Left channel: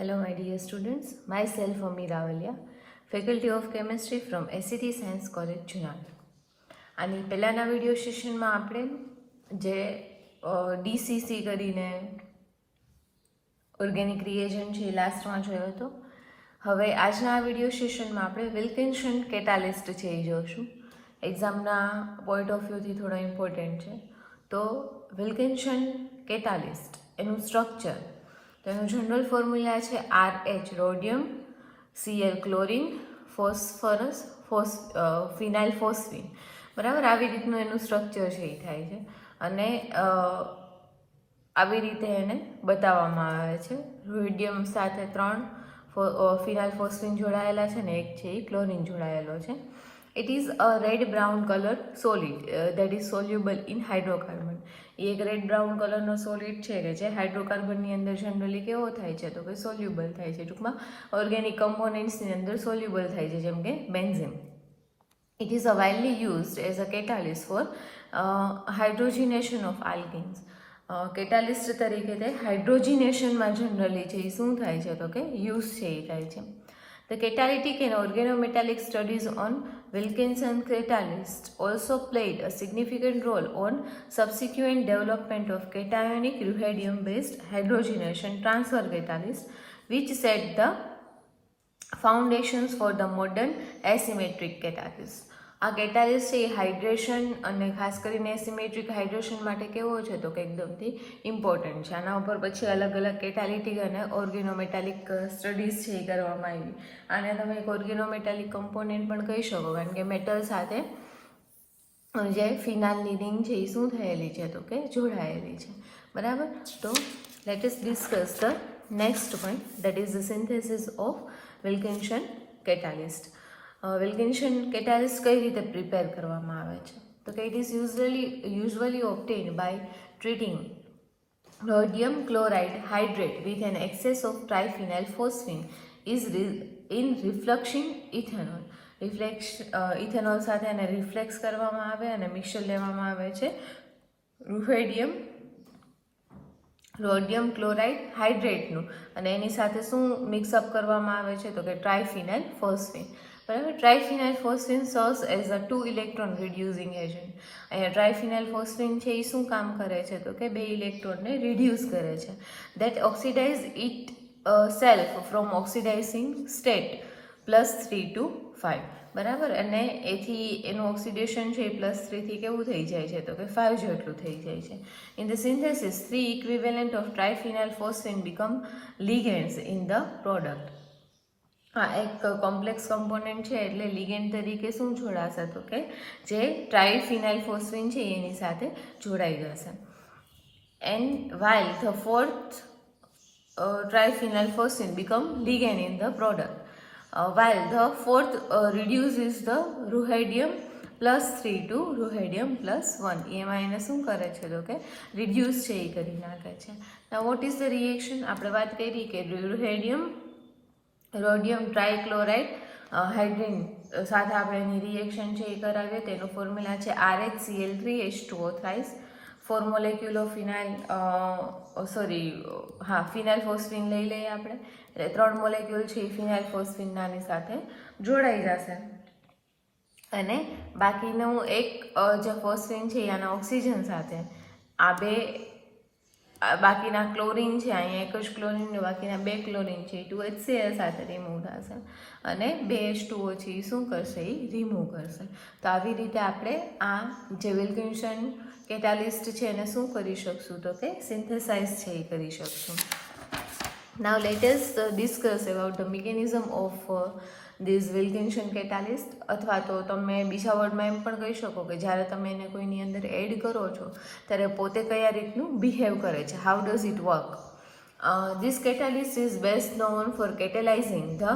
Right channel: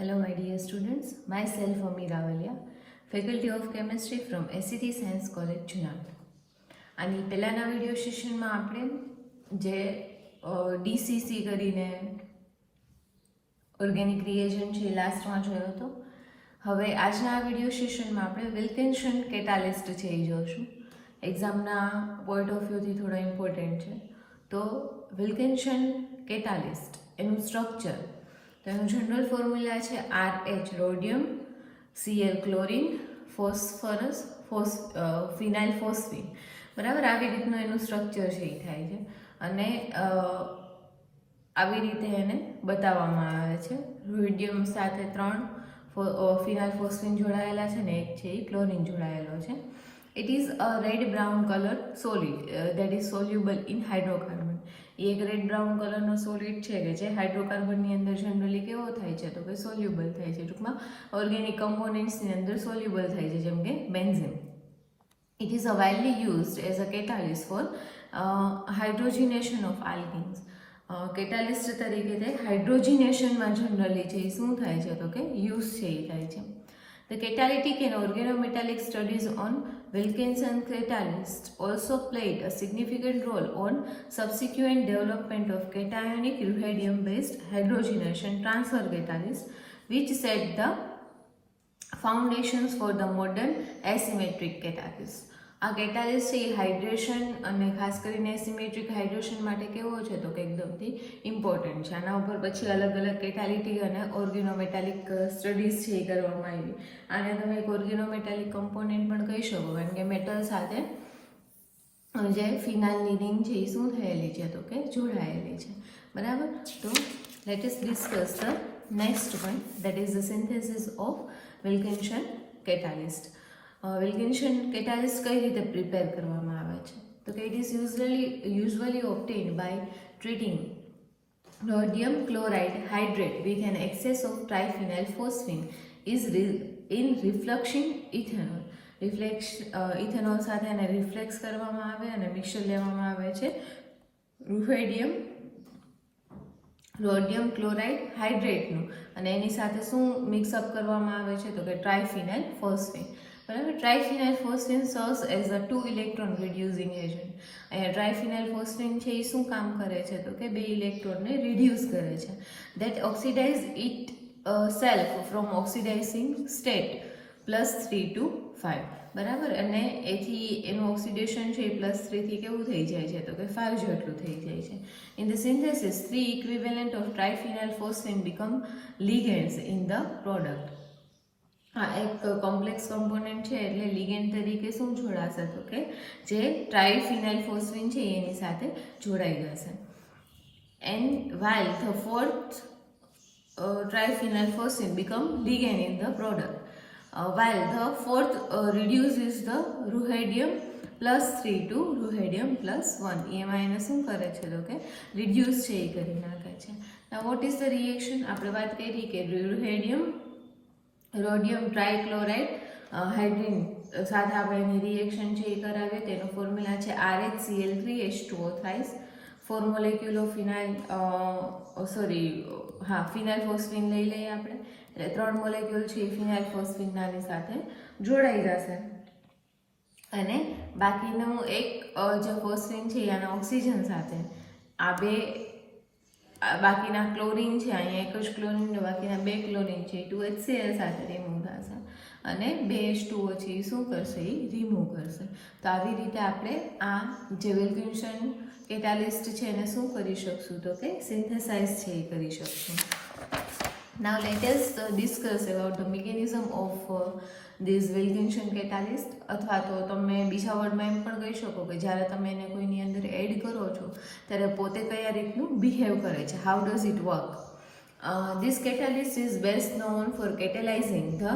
Hello my dear students, myself Ami Ravalia, Faculty of Chemistry from SCT Science College Junagadh. અને પહેલાના video સેશનમાં આપણે જે DCC કરીને ઓર્ગેનિક રિએજન્ટ છે લાસ્ટમાં જોયો હતો. હવે આજના આ વિડીયો સેશનમાં આપણે વિલ્કિન્સન કેટાલિસ્ટ છે એ જોઈશું. એક્ઝામના પોઈન્ટ ઓફ વ્યૂથી થોડા ઇમ્પોર્ટન્ટ છે. તો વિલ્કિન્સન કેટાલિસ્ટ એનું સ્ટ્રક્ચર, તો એનું જનરલ ફોર્મ્યુલા છે RH rhodium, Cl chlorine, phosphorus, phenyl phosphine. બરાબર, આવી રીતનું એનું સ્ટ્રક્ચર છે એ થાય છે અને આવી રીતે એને બતાવવામાં આવે છે. રોડિયમ સાથે 3 ફિનાઇલ ફોસ્ફીન જોડાયેલા છે ને એક છે એ ક્લોરિન જોડાયેલો છે. It is a red brown colour solid that is soluble in hydrocarbon. એ એક રેડ બ્રાઉન કલરનો સોલિડ છે કે જે હાઇડ્રોકાર્બનની અંદર જનરલી કેવો થાય છે તો કે સોલ્યુબલ થાય છે. ટૂંકમાં ઓર્ગેનિક કમ્પોનેન્ટ્સની અંદર સોલ્યુબલ થાય છે, જેમ કે benzene. It is widely used as a catalyst for hydrogenation of alkenes. Catalyst તરીકે તે હાઇડ્રોજિનેશનમાં જનરલી છે એ શું થાય છે તો કે યુઝ છે એ થાય છે. The catalytic and organometallic studies on Wilkinson catalysts also played a significant role on subsequent development of cationic ruhedium-based hydrogenation transfer catalysts, which set the foundations for the modern asymmetric catalyst. આ catalyst છે એ hydration અને ખાસ કરીને એસિમેટ્રિક hydration માટે કેવો છે તો કે એકદમથી ઇમ્પોર્ટન્ટ છે. આના ઉપર પછી અલગ અલગ કેટાલિટિક અને ઓર્ગેનોમેટાલિક સ્ટડીઝ છે એ કરવામાં આવી. આને તમે એક ઓર્ગેનોમેટાલિક કમ્પોનેન્ટ પણ કહી શકો, કારણ કે મેટલ સાથે જે ફિનાલની રિંગ છે એ શું થયેલી છે તો કે જોડાયેલી છે. બરાબર, તો let us discuss the next one, that is the synthesis of Wilkinson catalyst. Wilkinson catalyst કઈ રીતે પ્રિપેર કરવામાં આવે છે તો કે it is usually obtained by treating rhodium chloride hydrate with an excess of triphenyl phosphine is in reflection ethanol. Ethanol સાથે એને reflex કરવામાં આવે અને મિક્સર લેવામાં આવે છે રોડિયમ ક્લોરાઇડ હાઇડ્રેટનું, અને એની સાથે શું મિક્સઅપ કરવામાં આવે છે તો કે ટ્રાઇફિનાઇલ ફોસ્ફીન. બરાબર, triphenyl phosphine serves as a 2 electron reducing agent. અહીંયા ટ્રાઇફિનાઇલ ફોસ્ફીન છે એ શું કામ કરે છે તો કે 2 ઇલેક્ટ્રોનને રિડ્યુસ કરે છે. That oxidize itself from oxidizing state +3 to 5. બરાબર, અને એથી એનું ઓક્સિડેશન છે એ +3 થી કેવું થઈ જાય છે તો કે 5 જેટલું થઈ જાય છે. In the synthesis 3 equivalent of triphenyl phosphine become ligands in the product. હા, એક કોમ્પ્લેક્સ કમ્પોનન્ટ છે એટલે લિગેન્ડ તરીકે શું જોડાશે તો કે જે ટ્રાઇફિનાઇલ ફોસ્ફીન છે એની સાથે જોડાઈ જશે. And while the fourth triphenyl phosphine become ligand in the product. While the fourth reduces the ruhedium +3 to ruhedium +1. એમાં એને શું કરે છે તો કે રિડ્યુસ છે એ કરી નાખે છે. Now what is the reaction? આપણે વાત કરી કે રોડિયમ ટ્રાઇક્લોરાઇડ હાઇડ્રીન સાથે આપણે એની રિએક્શન છે એ કરાવીએ. તેનો ફોર્મ્યુલા છે RHCl3H2O thrice. 4 molecule of phenyl phosphine લઈ લઈએ આપણે, એટલે 3 મોલેક્યુલ છે એ ફિનાઇલ ફોસ્ફીનની સાથે જોડાઈ જશે અને બાકીનું એક જે ફોસ્ફીન છે એના ઓક્સિજન સાથે આ બે બાકીના ક્લોરિન છે, અહીંયા એક જ ક્લોરિન ને બાકીના 2 ક્લોરિન છે એ 2HCl સાથે રિમૂવ થશે અને 2H2O છે એ શું કરશે એ રિમૂવ કરશે. તો આવી રીતે આપણે આ જે વિલ્કિન્સન કેટાલિસ્ટ છે એને શું કરી શકશું તો કે સિન્થેસાઇઝ છે એ કરી શકશું. Now let us discuss about the mechanism of this Wilkinson catalyst. અથવા તો તમે બીજા વર્ડમાં એમ પણ કહી શકો કે જ્યારે તમે એને કોઈની અંદર એડ કરો છો ત્યારે પોતે કયા રીતનું બિહેવ કરે છે, how does it work. This catalyst is best known for catalyzing the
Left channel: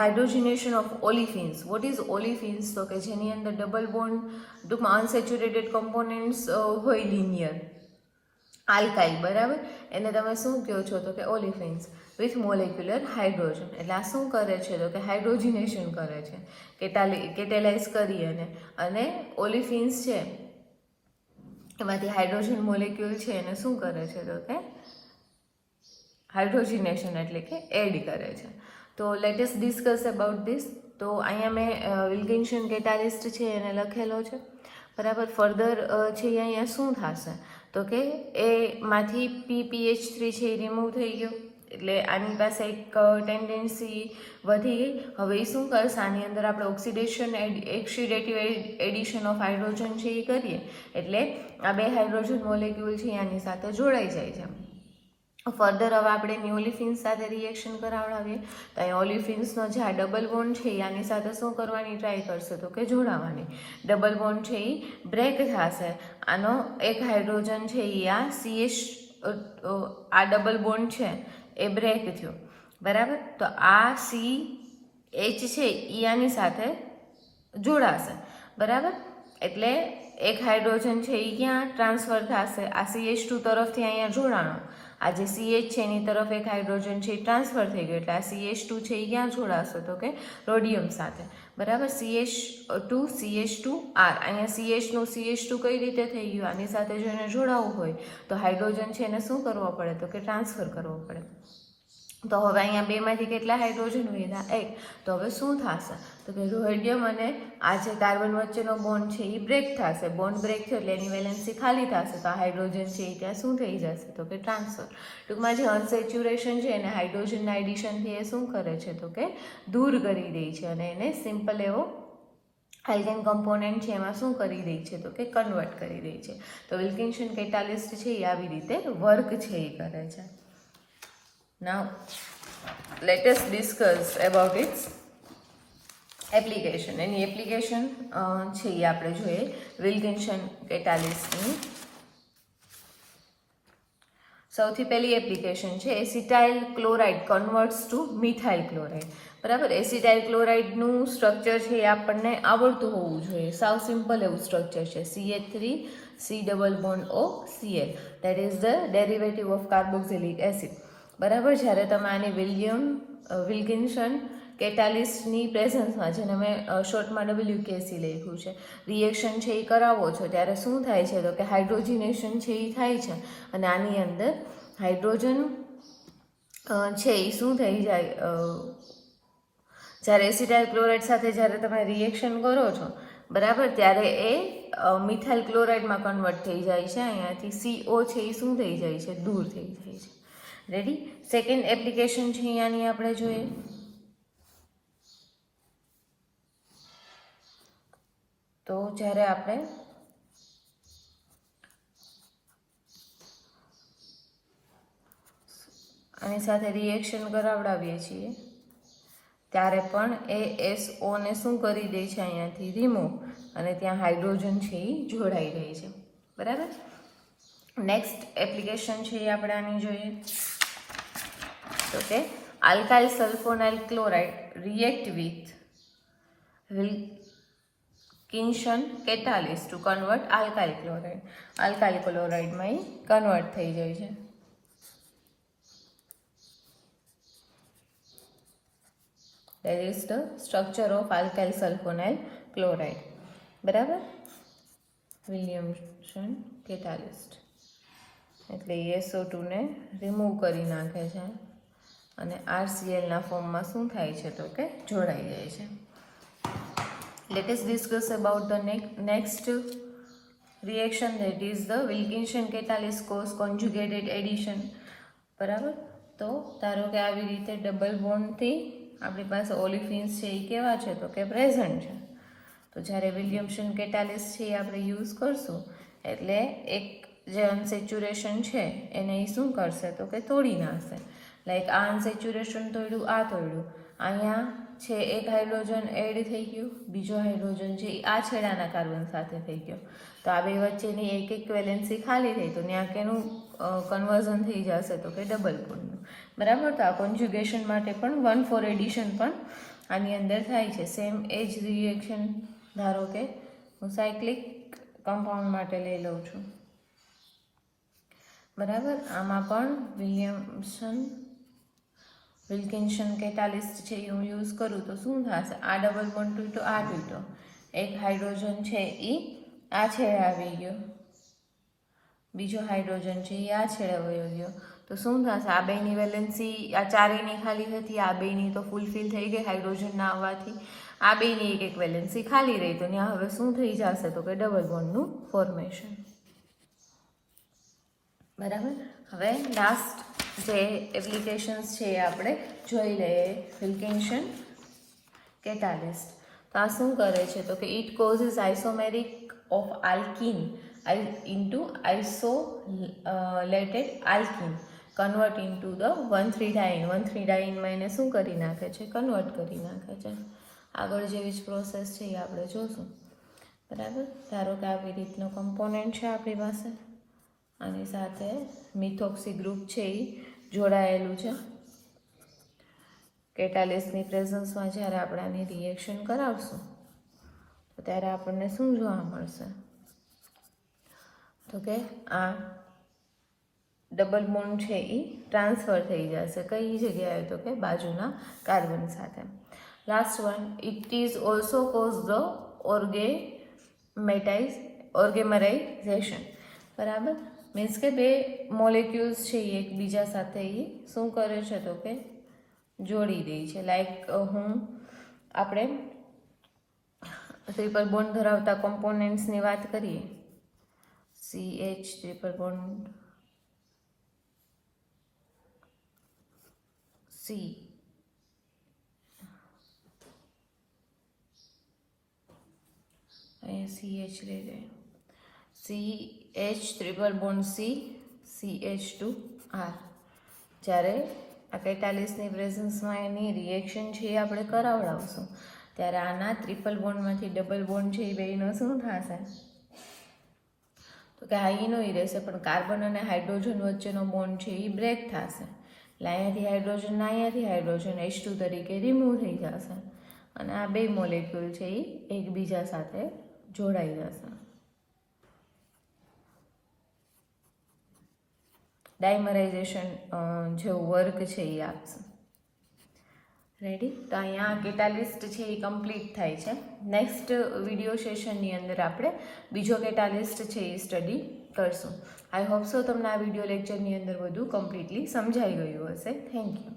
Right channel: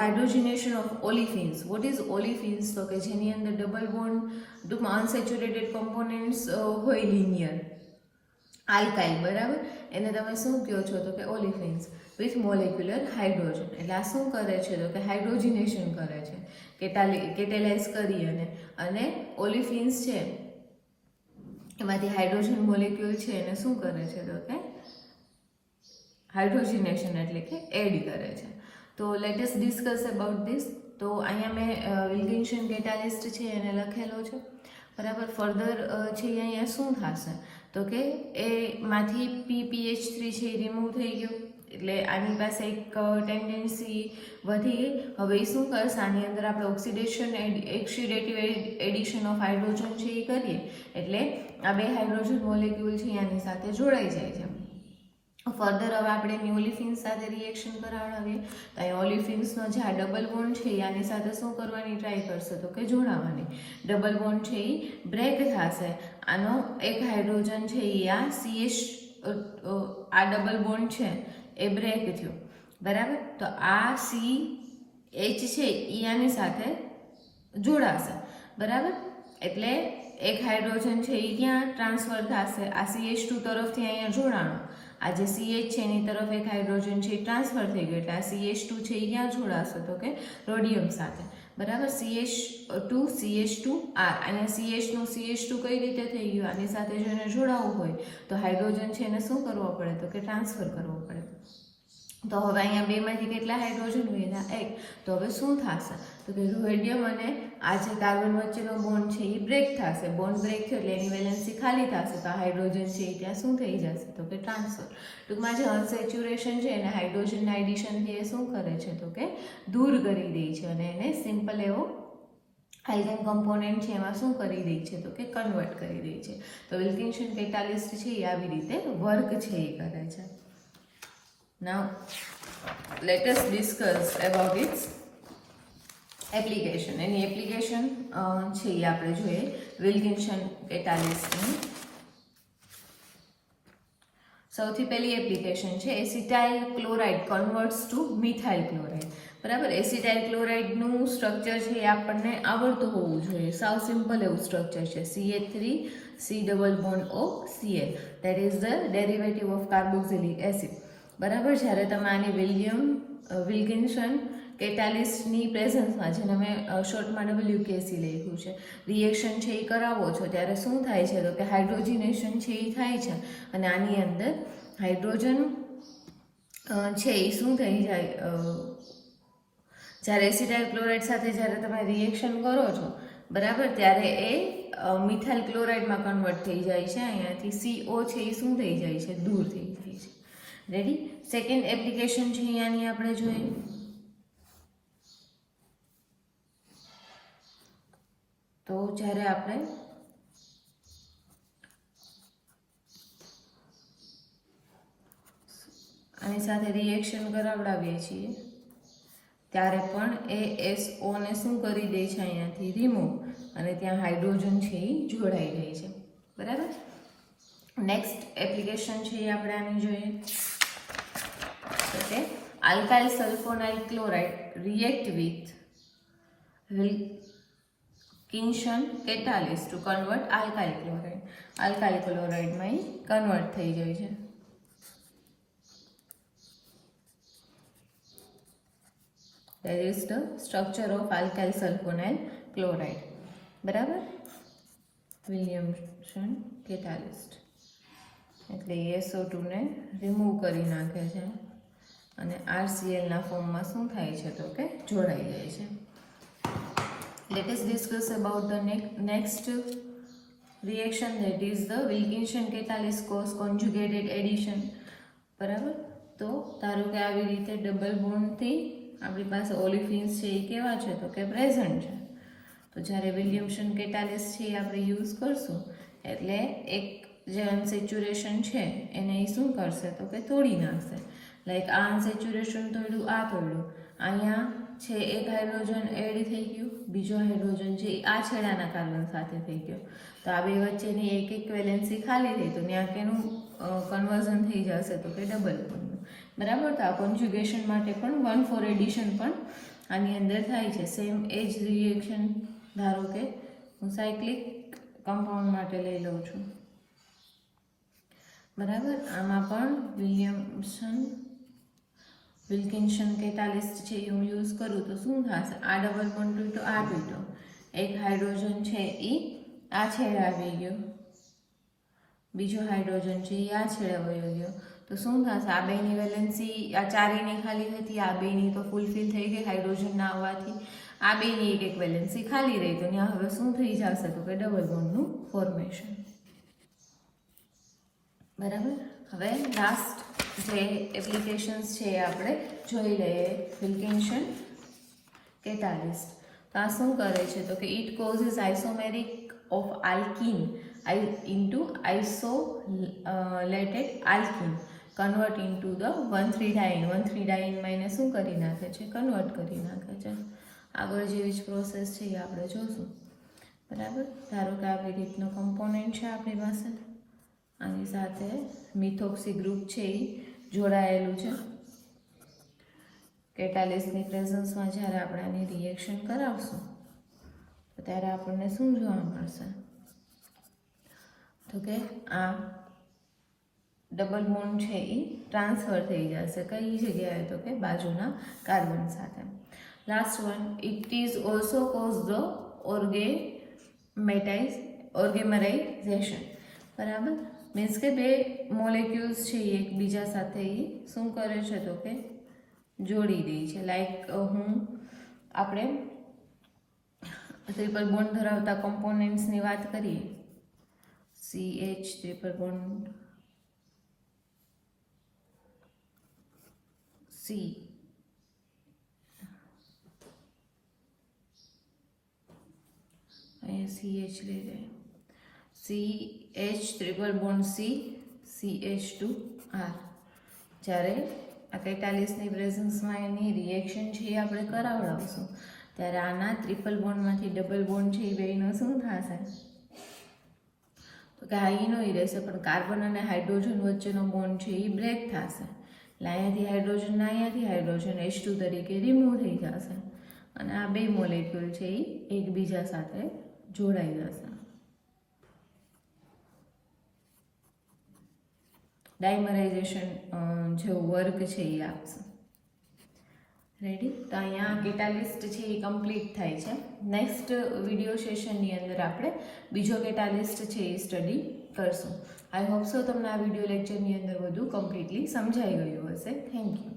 hydrogenation of olefins. What is olefins તો કે જેની અંદર ડબલ બોન્ડ ટૂંકમાં અનસેચ્યુરેટેડ કમ્પોનેન્ટ્સ હોય લિનિયર આલ્કાઇલ. બરાબર, એને તમે શું કહો છો તો કે ઓલિફિન્સ વિથ મોલેક્યુલર હાઇડ્રોજન. એટલે આ શું કરે છે તો કે હાઇડ્રોજિનેશન કરે છે, કેટેલાઇઝ કરી અને ઓલિફિન્સ છે એમાંથી હાઇડ્રોજન મોલેક્યુલ છે એને શું કરે છે તો કે હાઇડ્રોજનેશન એટલે કે એડ કરે છે. તો let us discuss about this. તો અહીંયા મેં વિલ્કિન્સન કેટાલિસ્ટ છે એને લખેલો છે, બરાબર. ફર્ધર છે અહીંયા શું થશે તો કે એમાંથી PPH3 છે એ રિમૂવ થઈ ગયો, એટલે આની પાસે એક ટેન્ડન્સી વધી. હવે એ શું કરશે, આની અંદર આપણે ઓક્સિડેટિવ એડિશન ઓફ હાઇડ્રોજન છે એ કરીએ એટલે આ બે હાઇડ્રોજન મોલેક્યુલ છે આની સાથે જોડાઈ જાય છે. ફર્ધર હવે આપણે ઓલિફિન્સ સાથે રિએક્શન કરાવડાવીએ તો અહીં ઓલિફિન્સનો જે આ ડબલ બોન્ડ છે એ આની સાથે શું કરવાની ટ્રાય કરશે તો કે જોડાવાની. ડબલ બોન્ડ છે એ બ્રેક થશે, આનો એક હાઇડ્રોજન છે એ આ આ ડબલ બોન્ડ છે એ બ્રેક થયો, બરાબર. તો આ CH છે એ આની સાથે જોડાશે, બરાબર. એટલે એક હાઇડ્રોજન છે એ ક્યાં ટ્રાન્સફર થશે, આ CH2 તરફથી અહીંયા જોડાણો, આ જે CH છે એની તરફ એક હાઇડ્રોજન છે એ ટ્રાન્સફર થઈ ગયો, એટલે આ CH2 છે એ ક્યાં જોડાશે તો કે રોડિયમ સાથે, બરાબર. CH2R અને CH નું CH2 કઈ રીતે થઈ ગયું, આની સાથે જેને જોડાવવું હોય તો હાઇડ્રોજન છે એને શું કરવો પડે તો કે ટ્રાન્સફર કરવો પડે. તો હવે અહીંયા બેમાંથી કેટલા હાઇડ્રોજન વધ્યા, એક. તો હવે શું થશે તો કે રોડિયમ અને આ જે કાર્બન વચ્ચેનો બોન્ડ છે એ બ્રેક થશે, બોન્ડ બ્રેક થયો એટલે એની વેલેન્સી ખાલી થશે, તો આ હાઇડ્રોજન છે એ ત્યાં શું થઈ જશે તો કે ટ્રાન્સફર. ટૂંકમાં જે અનસેચ્યુરેશન છે એને હાઇડ્રોજનના એડિશનથી એ શું કરે છે તો કે દૂર કરી દે છે અને એને સિમ્પલ એવો આલ્કેન કમ્પોનેન્ટ છે એમાં શું કરી રહી છે તો કે કન્વર્ટ કરી રહી છે. તો વિલ્કિન્સન કેટાલિસ્ટ છે એ આવી રીતે વર્ક છે એ કરે છે. Now let us discuss about its application. Any application છે એ આપણે જોઈએ વિલ્કિન્સન કેટાલિસ્ટની. સૌથી પહેલી એપ્લિકેશન છે acetyl chloride converts to methyl chloride, બરાબર. એસિટાઇલ ક્લોરાઇડનું સ્ટ્રક્ચર છે એ આપણને આવડતું હોવું જોઈએ, સાવ સિમ્પલ એવું સ્ટ્રક્ચર છે. CH3C_CL that is the derivative of carboxylic acid, બરાબર. જ્યારે તમે આની વિલ્કિન્સન કેટાલિસ્ટની પ્રેઝન્સમાં, જેને મેં શોર્ટમાં WKC લખ્યું છે, રિએક્શન છે એ કરાવો છો ત્યારે શું થાય છે તો કે હાઇડ્રોજનેશન છે એ થાય છે અને આની અંદર હાઇડ્રોજન છે એ શું થઈ જાય, જ્યારે એસિટાઇલ ક્લોરાઇડ સાથે જ્યારે તમે રિએક્શન કરો છો, બરાબર, ત્યારે એ મિથાઇલ ક્લોરાઇડમાં કન્વર્ટ થઈ જાય છે. અહીંયાથી CO છે એ શું થઈ જાય છે, દૂર થઈ જાય છે. રેડી. સેકન્ડ એપ્લિકેશન છે અહીંયાની આપણે જોઈએ. તો જ્યારે આપણે આની સાથે રિએક્શન કરાવડાવીએ છીએ ત્યારે પણ એ SO ને શું કરી દે છે, અહીંયાથી રિમૂવ, અને ત્યાં હાઇડ્રોજન છે એ જોડાઈ રહી છે, બરાબર. નેક્સ્ટ એપ્લિકેશન છે એ આપણે આની જોઈએ. Okay, alkyl sulfonyl chloride react with Wilkinson catalyst to convert alkyl chloride. Alkyl chloride માં કન્વર્ટ થઈ જાય છે. That is the structure of alkyl sulfonyl chloride, બરાબર. વિલિયમસન catalyst એટલે SO2 ને રિમૂવ કરી નાખે છે અને RCl ના ફોર્મમાં શું થાય છે તો કે જોડાઈ જાય છે. Let us discuss about the next reaction, that is the Wilkinson catalyst cause conjugated addition, બરાબર. તો ધારો કે આવી રીતે ડબલ બોન્ડથી આપણી પાસે ઓલિફિન્સ છે એ કેવા છે તો કે પ્રેઝન્ટ છે. તો જ્યારે વિલિયમસન કેટાલિસ્ટ છે એ આપણે યુઝ કરશું એટલે એક જે અનસેચ્યુરેશન છે એને એ શું કરશે તો કે તોડી નાખશે. લાઈક આ અનસેચ્યુરેશન તોડ્યું, આ તોડ્યું, અહીંયા છે એક હાઇડ્રોજન એડ થઈ ગયું, બીજો હાઇડ્રોજન છે આ છેડાના કાર્બન સાથે થઈ ગયો, તો આ બે વચ્ચેની એક એક વેલેન્સી ખાલી થઈ, તો ત્યાં કેનું કન્વર્ઝન થઈ જશે તો કે ડબલ બોન્ડનું, બરાબર. તો આ કોન્જ્યુગેશન માટે પણ 1,4 એડિશન પણ આની અંદર થાય છે. સેમ એજ રિએક્શન ધારો કે હું સાયક્લિક કમ્પાઉન્ડ માટે લઈ લઉં છું, બરાબર. આમાં પણ વિલ્કિન્સન કેટાલિસ્ટ છે એ હું યુઝ કરું તો શું થશે, આ ડબલ બોન્ડ તૂટ્યો, આ તૂટ્યો, એક હાઇડ્રોજન છે એ આ છેડે આવી ગયો, બીજો હાઇડ્રોજન છે એ આ છેડે વયો ગયો, તો તો શું થશે, આ બેની વેલેન્સી આ ચારેયની ખાલી હતી, આ બેની તો ફૂલફિલ થઈ ગઈ હાઇડ્રોજન ના આવવાથી, આ બેની એક એક વેલેન્સી ખાલી રહી, તો ત્યાં હવે શું થઈ જશે તો કે ડબલ બોન્ડનું ફોર્મેશન. બરાબર. હવે લાસ્ટ જે એપ્લિકેશન્સ છે એ આપણે જોઈ લઈએ. Wilkinson catalyst. તો આ શું કરે છે તો કે it causes isomeric of alkene into isolated alkene convert into the 1,3-diene. 1,3-diene માં એને શું કરી નાખે છે, કન્વર્ટ કરી નાખે છે. આગળ જેવી જ પ્રોસેસ છે એ આપણે જોશું. બરાબર. ધારો કે આવી રીતનો કમ્પોનન્ટ છે આપણી પાસે, આની સાથે મિથોક્સી ગ્રુપ છે એ જોડાયેલું છે. કેટાલિસ્ટની પ્રેઝન્સમાં જ્યારે આપણે આની રિએક્શન કરાવશું તો ત્યારે આપણને શું જોવા મળશે તો કે આ ડબલ બોન્ડ છે એ ટ્રાન્સફર થઈ જશે. કઈ જગ્યાએ તો કે બાજુના કાર્બન સાથે. Last one, it is also cause the oligomerisation. બરાબર. મીન્સ કે બે મોલેક્યુલ્સ છે એ એકબીજા સાથે એ શું કરે છે તો કે જોડી દે છે. લાઈક આપણે ટ્રિપલ બોન્ડ ધરાવતા કોમ્પોનેન્ટ્સની વાત કરીએ, CH ટ્રિપલ બોન્ડ C, અહીંયા CH લઈ લે, CH triple bond C, CH2R. જ્યારે આ કેટાલિસ્ટની પ્રેઝન્સમાં એની રિએક્શન છે એ આપણે કરાવડાવશું ત્યારે આના ટ્રિપલ બોન્ડમાંથી ડબલ બોન્ડ છે એ બેનો શું થશે તો કે હાઈનો રહેશે, પણ કાર્બન અને હાઇડ્રોજન વચ્ચેનો બોન્ડ છે એ બ્રેક થશે. એટલે અહીંયાથી હાઇડ્રોજન ને અહીંયાથી હાઇડ્રોજન H2 તરીકે રિમૂવ થઈ જશે અને આ બે મોલેક્યુલ છે એ એકબીજા સાથે જોડાઈ જશે. ડાયમરાઇઝેશન જેવું વર્ક છે એ આપશે. રેડી. તો અહીંયા કેટાલિસ્ટ છે એ કમ્પ્લીટ થાય છે. નેક્સ્ટ વિડીયો સેશનની અંદર આપણે બીજો કેટાલિસ્ટ છે એ સ્ટડી કરશું. આઈ હોપ સો તમને આ વિડીયો લેક્ચરની અંદર બધું કમ્પ્લીટલી સમજાઈ ગયું હશે. Thank you.